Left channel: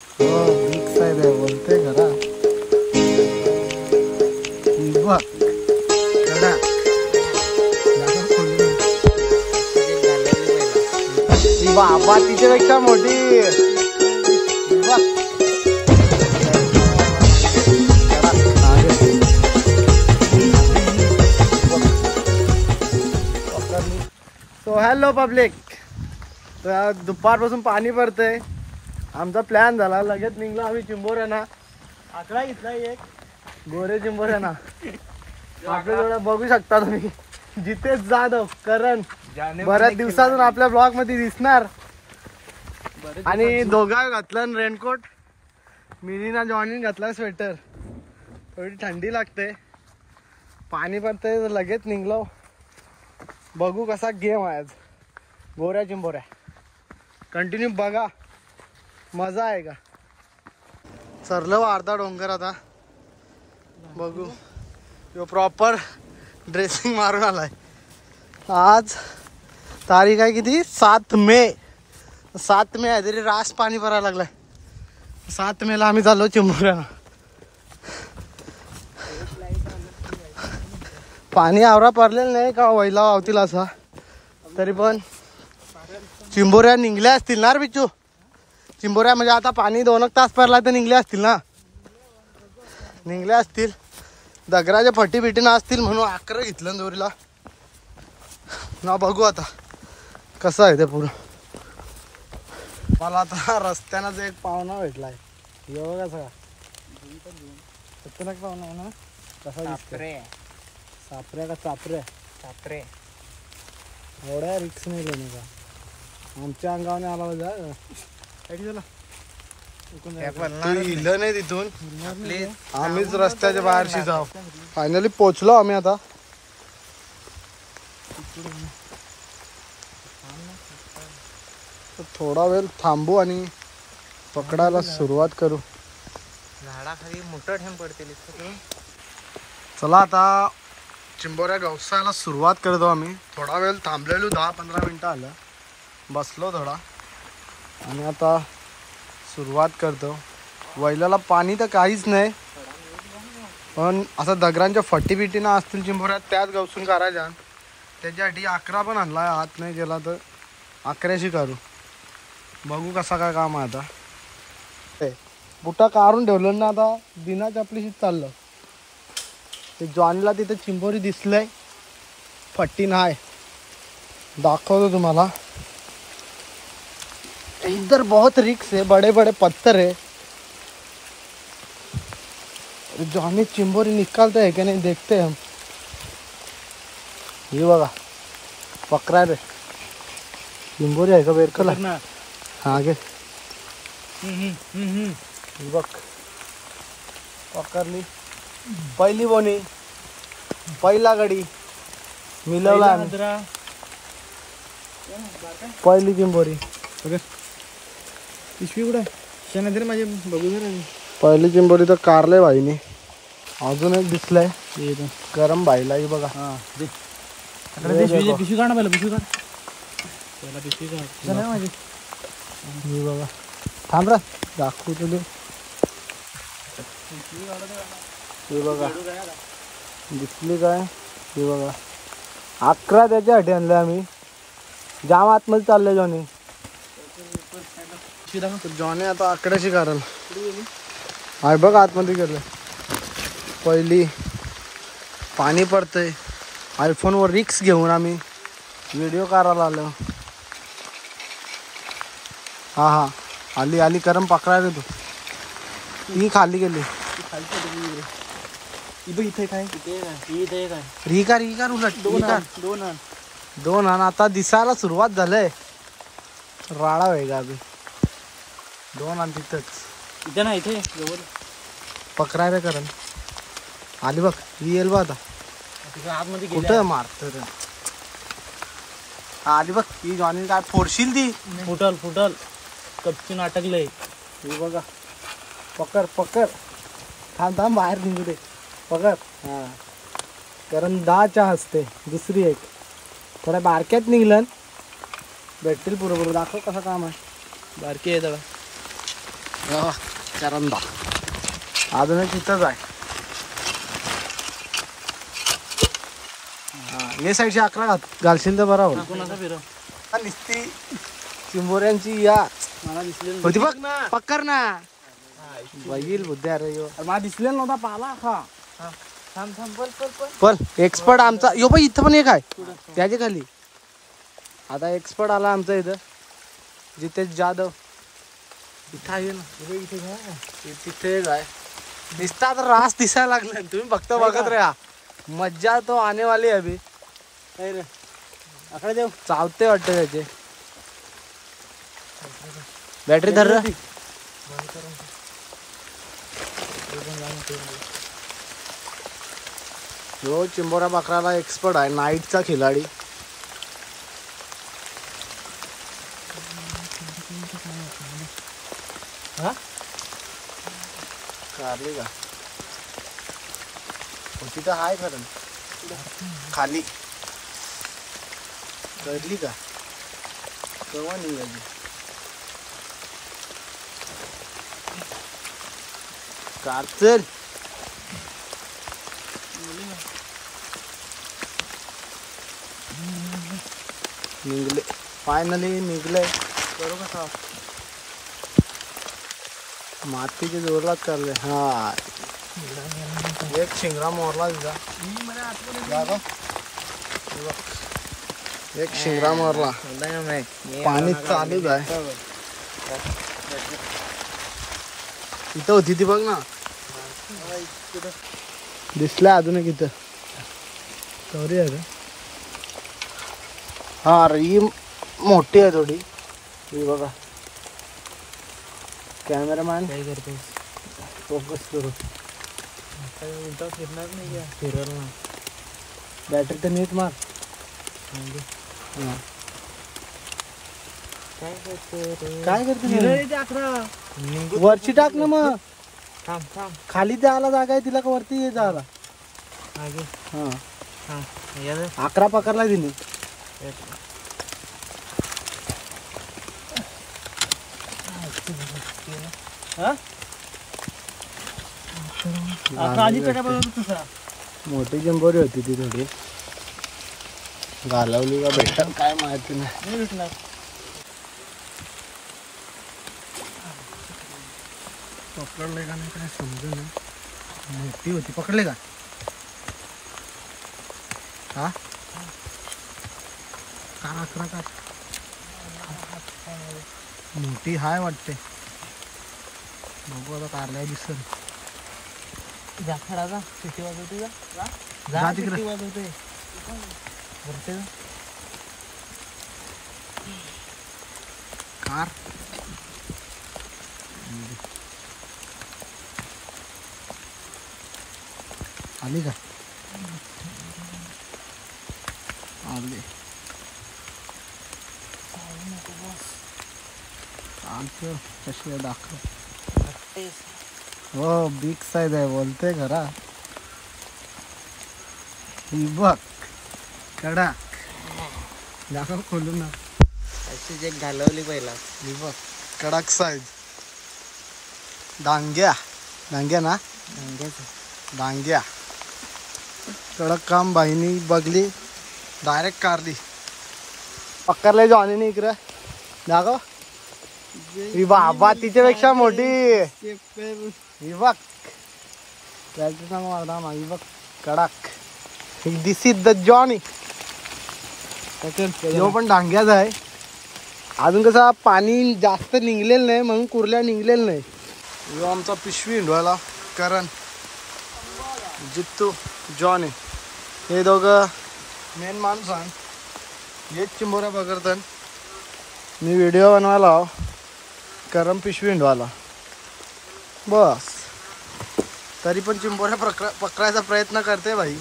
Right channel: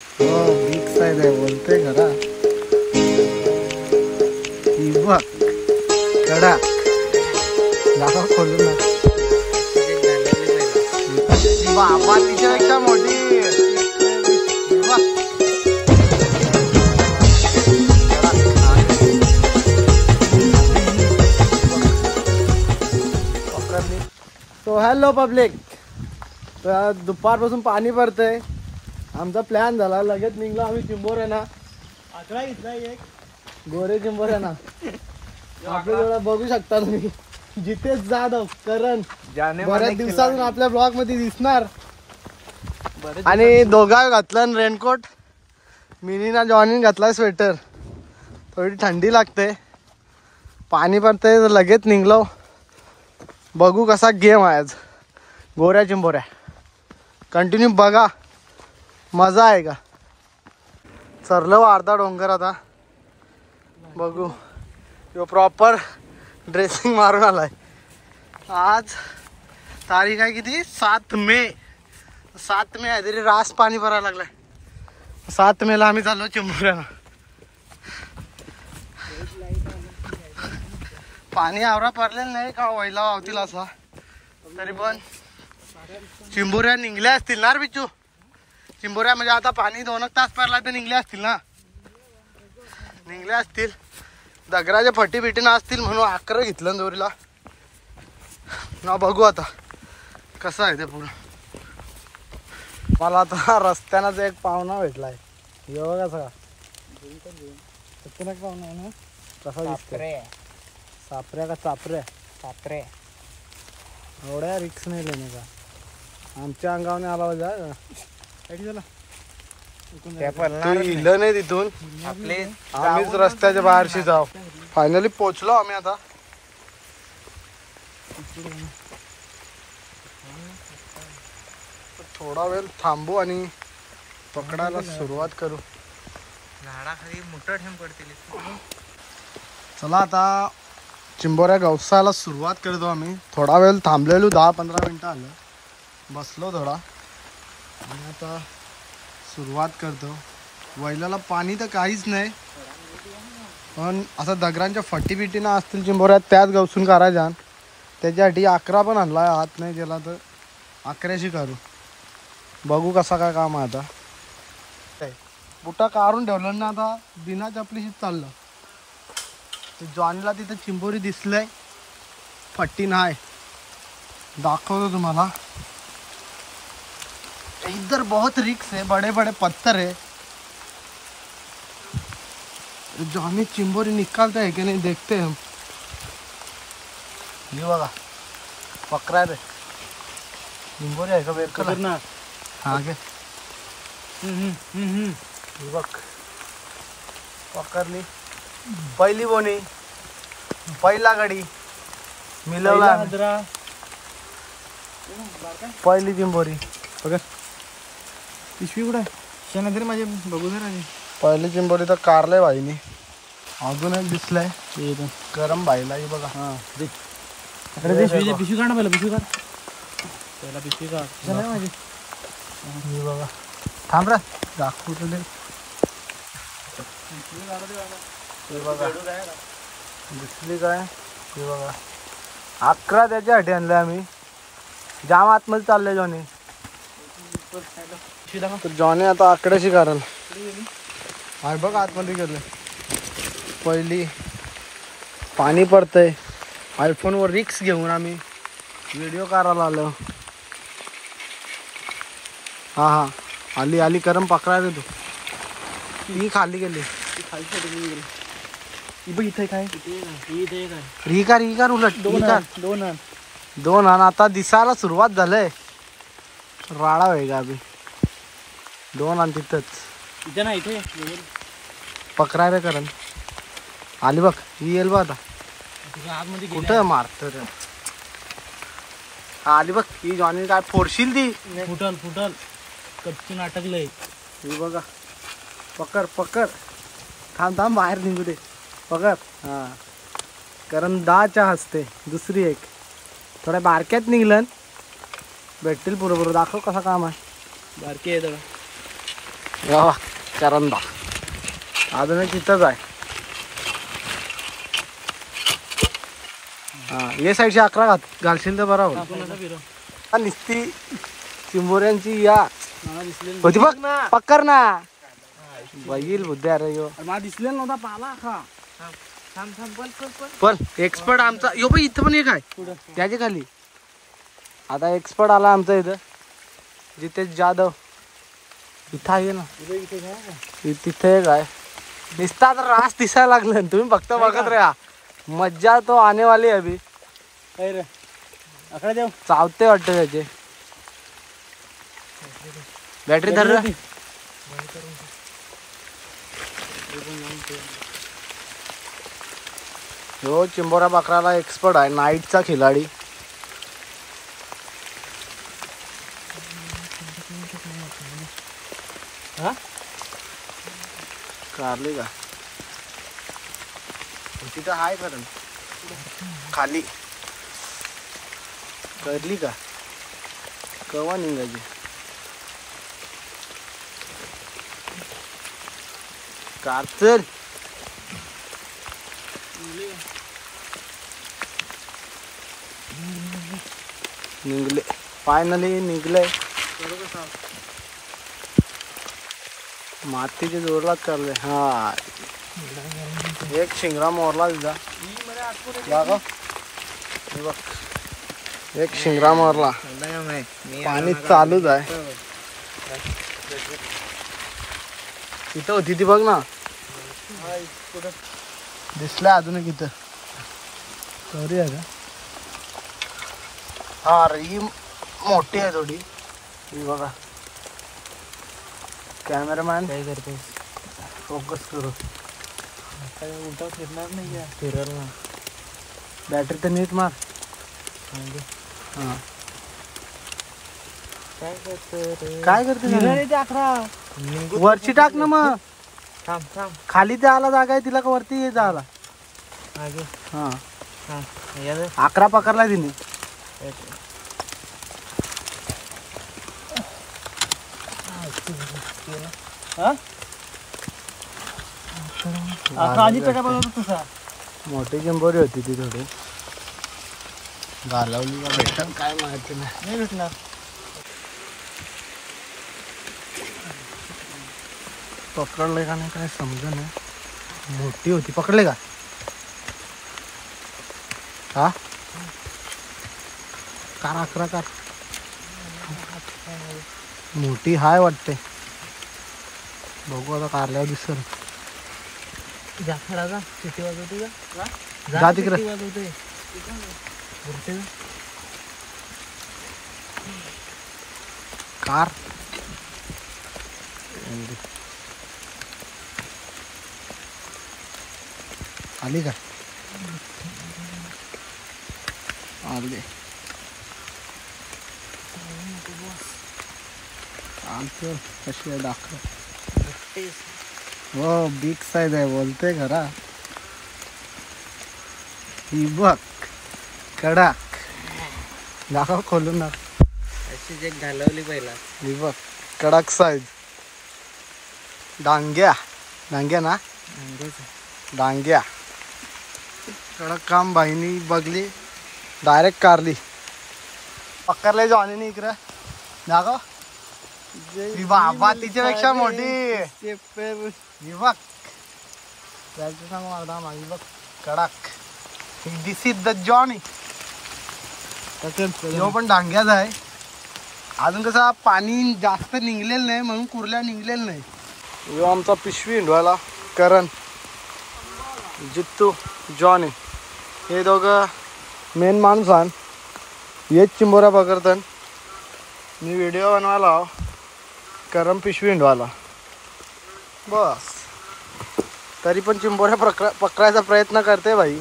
Big size आहे बोलते घरा बघ कडा नाव खोलू बाबा तिच्यापेक्षा मोठी सो हॅलो पब्लिक. तर दुपारपासून पाणी पडतंय. आमचा प्लॅन झाला लगेच निघलो आम्ही चिंबोऱ्यांना. आकडा घेतला एक गोरे चिंबोऱ्यांना. आपल्याजवळ बघू शकता तुम्ही जितेश जाधव करण बऱ्याच दिवसातून आपल्या ब्लॉग मध्ये दिसणार. आणि दोघा घातलं रेनकोट. मिनीना जॉनीन घातला स्वेटर. थोडी थंडी लागते. पाणी पडतंय तर लगेच निघलो. बघू कसा गेम आहे आज गोऱ्या चिंबोऱ्या. कंटिन्यू बघा मजा आहे का. चरलो अर्धा डोंगर आता बघू. तो प्रॉपर ड्रेसिंग मारून आलाय. आज तारीख आहे किती 7 मे. 7 मे आहे तरी रास पाणी भरायला लागलाय. 7 मेला आम्ही चाललो चिंबोऱ्याला. पाणी आवरा पडलेलं नाही का वैला वावतील असा. तरी पण चिंबोऱ्या निघल्या असतील ना रे बिच्चू. चिंबोऱ्या म्हणजे आता पाणी 2 तास पडला तर निघले असतील ना. निघले असतील. दगराच्या फटी बिटीनं असतील म्हणून 11 घेतलं दोरीला ना. बघू आता कसं आहे ते पुढं. मला आता रस्त्यानं एक पाहुणा भेटलाय. हे बघा सगळा पाहुणा आहे ना. कसा दिसतोय. सापऱ्या का चापऱ्या. चापरे एवढ्या रिक्स नाही लेणे का. आमच्या अंगाने आला पाहिजे. तू इलं नाही तिथून. आम्हीच रस्त्याच्या बाहेरशी जाऊ. फायनली पोचलो आम्ही आता. थोडा वेळ थांबू आणि पकडायला सुरुवात करू. झाडाखाली मोठं ठेवून पडते. चला आता चिंबोऱ्या गवसायला सुरुवात करतो आम्ही. थोडा वेळ थांबलेलो 10-15 मिनिटं आलं. बसलो थोडा आणि आता सुरुवात करतो. वैल्याला पाणी तर काहीच नाही पण असं दगरांच्या फटी बिटीनं असतील चिंबोऱ्यात त्याच गवसून करायच्या. त्याच्यासाठी 11 पण आणला. हात नाही गेला तर 11शी करू. बघू कसा काय काम आहे आता. बुटा काढून ठेवलं ना आता बिना चपलीशीच चाललं. ते जॉनला तिथे चिंबोरी दिसलंय. फट्टी नाही दाखवतो तुम्हाला. इधर बहुत रिक्स है. बड़े बड़े पत्थर है. जॉनी चिंबोरी निकालते है कि नहीं देखते हैं हम. ये बघा पकड़ा रे. चिंबोरी आहे का बेर कलर ना. आगे बघ पकडली. पहिली बोनी पहिला गडी मिळवला. पहिली चिंबोरी बघा. पिशवी कुठे शेणा तरी माझे बघू जरा. पहिली चिंबोरी तर कारले भाईने. अजूनच दिसलाय गरम भाईला. बघा हा पिशवी काढ पहिला. पिशवी काढ पहिला. पिशवी काढ माझी. मी बघा थांब रे दाखवू तुझे. बघा दिसली काय. हे बघा 11 त्याच्यासाठी आणले आम्ही. जाम आतमध्ये चालले जॉनी. तर जॉनी आता 11शी कारण आहे बघ आतमध्ये गेलं. पहिली पाणी पडतंय. आयफोनवर रिक्स घेऊन आम्ही व्हिडिओ करायला आलो. हा हा आली आली करम पकडा रे तू. ही खाली गेली. इथे काय रिकार उलट दोन आण. आता दिसायला सुरुवात झालंय. राडा आहे का अभि. 2 आण तिथंच. इथं ना इथे पकडाय रे करण. आली बघ. ही येईल बघ आता. कुठं मारत रे. आली बघ. ही जॉनी काय फोडशील ती. फुटल कपचून अटकलंय. ही बघा पकड पकड. थांब बाहेर निघू दे. पकड. हा कारण 10च्या हसते. दुसरी एक थोड्या बारक्यात निघलं. भेटतील बरोबर. दाखव कसा काम आहे. बारकी आहे करंदा अजून एक तिथंच आहे. हा ये साईडची 11 घालशील तर बरोबर. निस्ती चिंबोऱ्यांची या होती बघ पक्कर ना बैल बुद्धी. अरे यो दिसलेला नव्हता पाला हा. पण एक्सपर्ट आमचा यो बाई इथं पण एक आहे त्याच्या खाली. आता एक्सपर्ट आला आमचा इथं जितेश जाधव. इथं आहे ना तिथे एक आहे. दिसता तर रास दिसायला लागलं. तुम्ही फक्त बघत राहा. मज्जा तो आने वाली अभी. चावते वाटतं त्याचे. बॅटरी धर. जो चिंबोरा बकराला एक्सपर्ट आहे. नाईटचा खिलाडी. कारली का तिथं आहे खरं खाली. करली का कवा निघायची. कारचर निघले. फायनली निघले. मातीचे जोरलाच करले. हा एक शिंगरा मोरला तिचा. एक शिंगरा मोरला. पाणी चालूच आहे. तिथं होती ती बघ ना. दिसला अजून तिथं कवरी आहे का. हा अरे ही मोठी आहे थोडी. ही बघा. कॅमेरामॅन काय करतो. फोकस करू. उलटा फिरणार नाही. फिरणार ना. बॅटरी तर नीट मार. हा काय करते 11 वरची टाक ना. मग खाली जायला जागा आहे तिला का वरती जायला. हा 11 पकडला तिने. मोठी जंबोरी होती ती थोडी. घालवली का भेटतात काय माहिती नाही भेटणार. पकडले का नाही काय समज नाही. मोठी होती. पकडले का हा कार 11 कार मोठी हाय वाटते. बघू आता कारल्यावर दिसल. जाखडाचा किती वाजवते जा तिकडे वाजवते. कार आली का. आली आमचं कशी आहे दाखव. हो बिग साईज आहे बोलते घरा. ही बघ कडक. दाखव खोलून ना. अशीच एक घालवली पहिला. ही बघ कडक साईज. डांग्या डांग्या ना. डांग्या कडक काम. बाईनी बघली डायरेक्ट कारली. पकडले जॉनी नाही इकडं दाखव. बाबा तिच्यापेक्षा मोठी. बघ कडक. दिस इज द जॉनी. तो पण डांग्याच आहे. अजून कसं पाणी जास्त निघलेलं नाही म्हणून कुर्ल्या निघलेलं नाही. यो आमचा पिशवी हिंडवायला करण जित्तू जॉनी हे दोघं मेन माणूस आण. हेच चिंबोऱ्या पकडतात. मी व्हिडिओ बनवायला करम पिशवी हिंडवायला बस. तरी पण चिंबोऱ्या पकडायचा प्रयत्न करते भाई.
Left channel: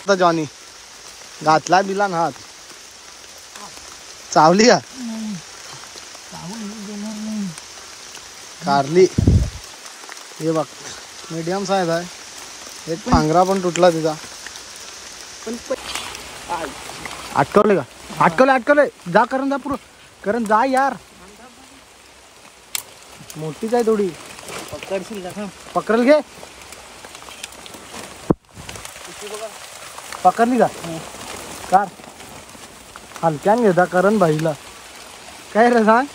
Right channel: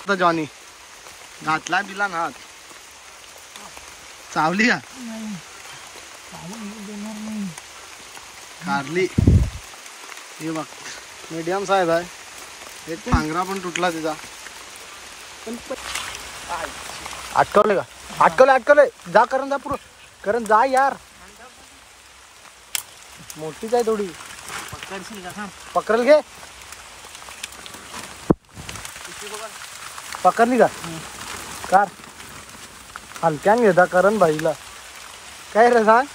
आता जॉनी घातला दिला ना हात. चावली का कारली. हे बघ मीडियम साईज आहे. एक पांघरा पण तुटला तिचा. पण अटकवले अटकवले अटकवले. जा करून जा पुढे करून जा यार. मोठी काय थोडी पकडशील का? थांब. पकडल घे. पकडली का? का हलक्या घेता करून भाईला काय रे सांग.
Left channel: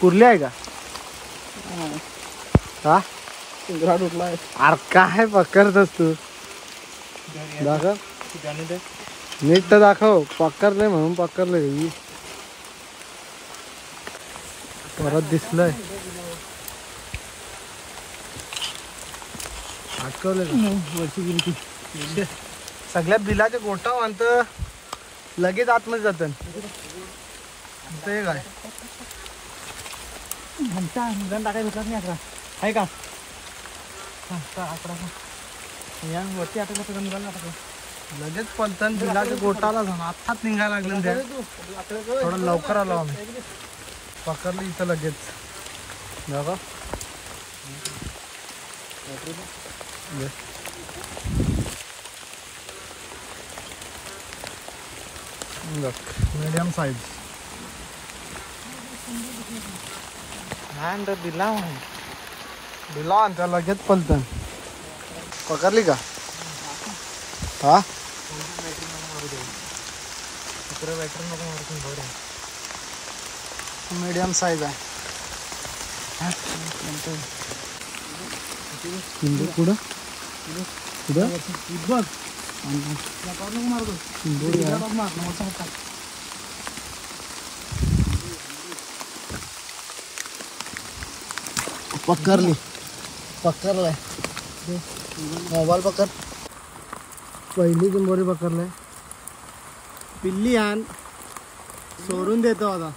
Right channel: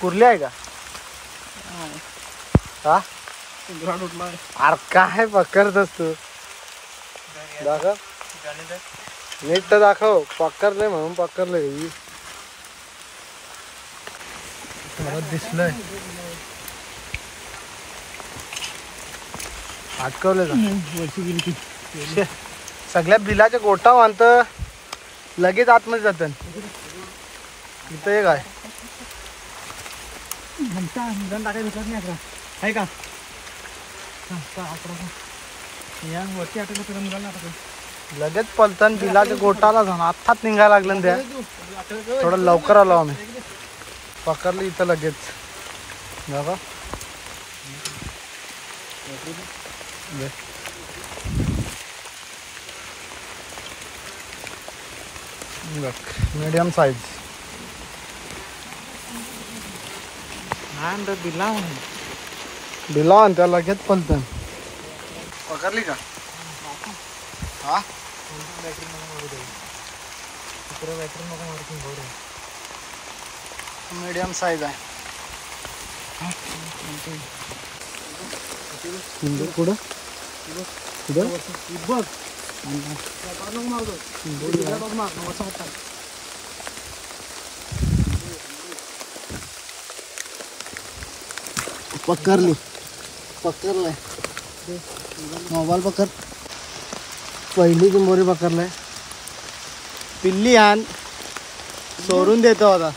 पुरली आहे का? हा घरात उठला आहे. अरे काय पकडतोस तू? दाखव नीट तर दाखव. पकडले म्हणून पकडले. परत दिसलंय. अटकवलं का? वरती गेली ती. सगळ्या बिलाच्या गोटा बांधत लगेच आतमध्ये जातं. इथं एक आहे. गण टाकाय भेटत नाही अकरा आहे का? अकरा या वरती आठवलं तर गण टाकाय. लगेच पलतन बिलाच्या गोटाला जाणं आत्ताच निघायला लागलं त्या. थोडं लवकर आलो आम्ही. पकडलं इथं लगेच. बघा मीडियम साईज. बिला त्या लगेच पलतन. पकडली का? हा मीडियम साईज आहे. पुढं पुढं बघ. पकडली. पकडलाय. मोबाईल पकड. पहिली चिंबोरी पकडलाय. पिल्ली आण सोडून देतो आता.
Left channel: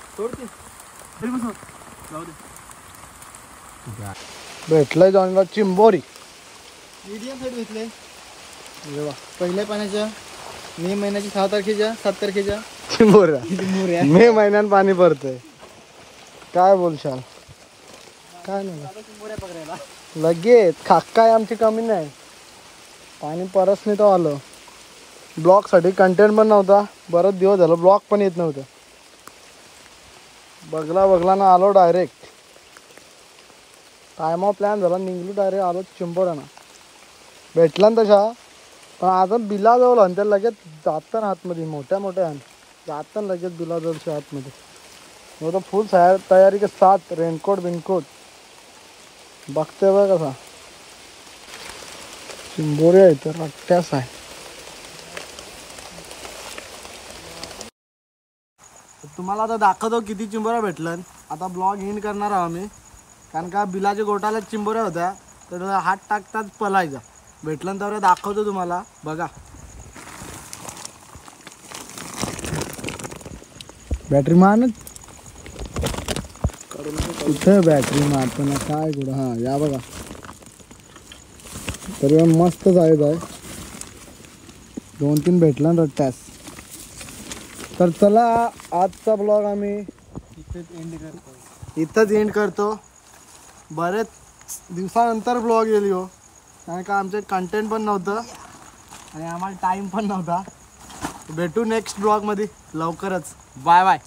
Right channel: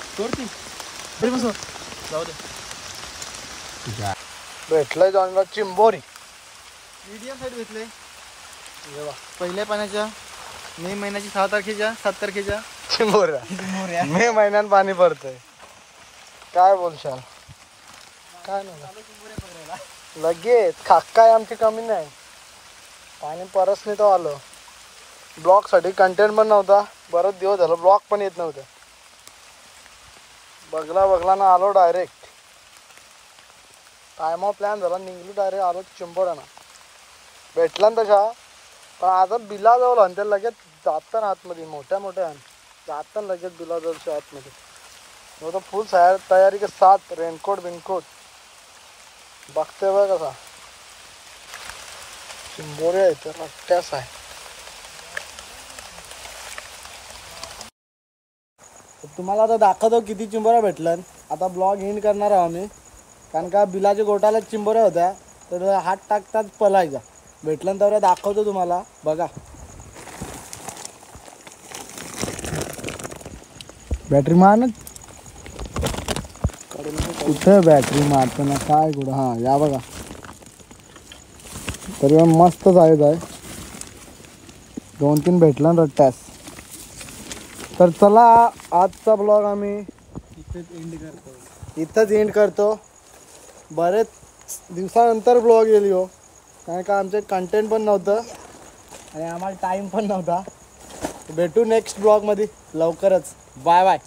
भेटलंय चांगला चिंबोरी. मीडियम साईड भेटले. पहिल्या पाण्याच्या मे महिन्याची 6 तारखेच्या 7 तारखेच्या चिंबोऱ्या. मे महिन्यात पाणी पडतं. काय बोलशाल? लगेच खास आमची कमी नाही. आणि परत नाही तो आलो. ब्लॉग साठी कंटेंट पण नव्हता. बरेच दिवस झालं ब्लॉग पण येत नव्हतं. बघला ना आलो डायरेक्ट. टायमा प्लॅन झाला निघलो डायरेक्ट आलो चिंबोऱ्यानं. भेटला ना तशा पण आता बिला जवळ आणि त्या लगेच जातं आतमध्ये. मोठ्या आहे जातं लगेच बिला जवळच्या आतमध्ये. वो तो फुल तयारी के साथ रेनकोट बिनकोट. बघते बघ कसा चिंबोरी आहे तर रट्ट्यास आहे. तुम्हाला आता दाखवतो किती चिंबोऱ्या भेटल्यात. आता ब्लॉग एंड करणार आहोत आम्ही. कारण का बिलाच्या गोटाला चिंबोऱ्या होत्या तर हात टाकतात पलायचा. भेटल्यानंतर दाखवतो तुम्हाला. बघा बॅटरी मार. कुठं बॅटरी मारतो ना काय कुठं. हा या बघा तरी मस्त साईज आहे. 2-3 भेटला ना रट्ट्यास. तर चला आजचा ब्लॉग आम्ही इथंच एंड करतो. बरेच दिवसानंतर ब्लॉग येईल हो. कारण का आमचे कंटेंट पण नव्हतं आणि आम्हाला टाईम पण नव्हता. भेटू नेक्स्ट ब्लॉगमध्ये लवकरच. Bye bye.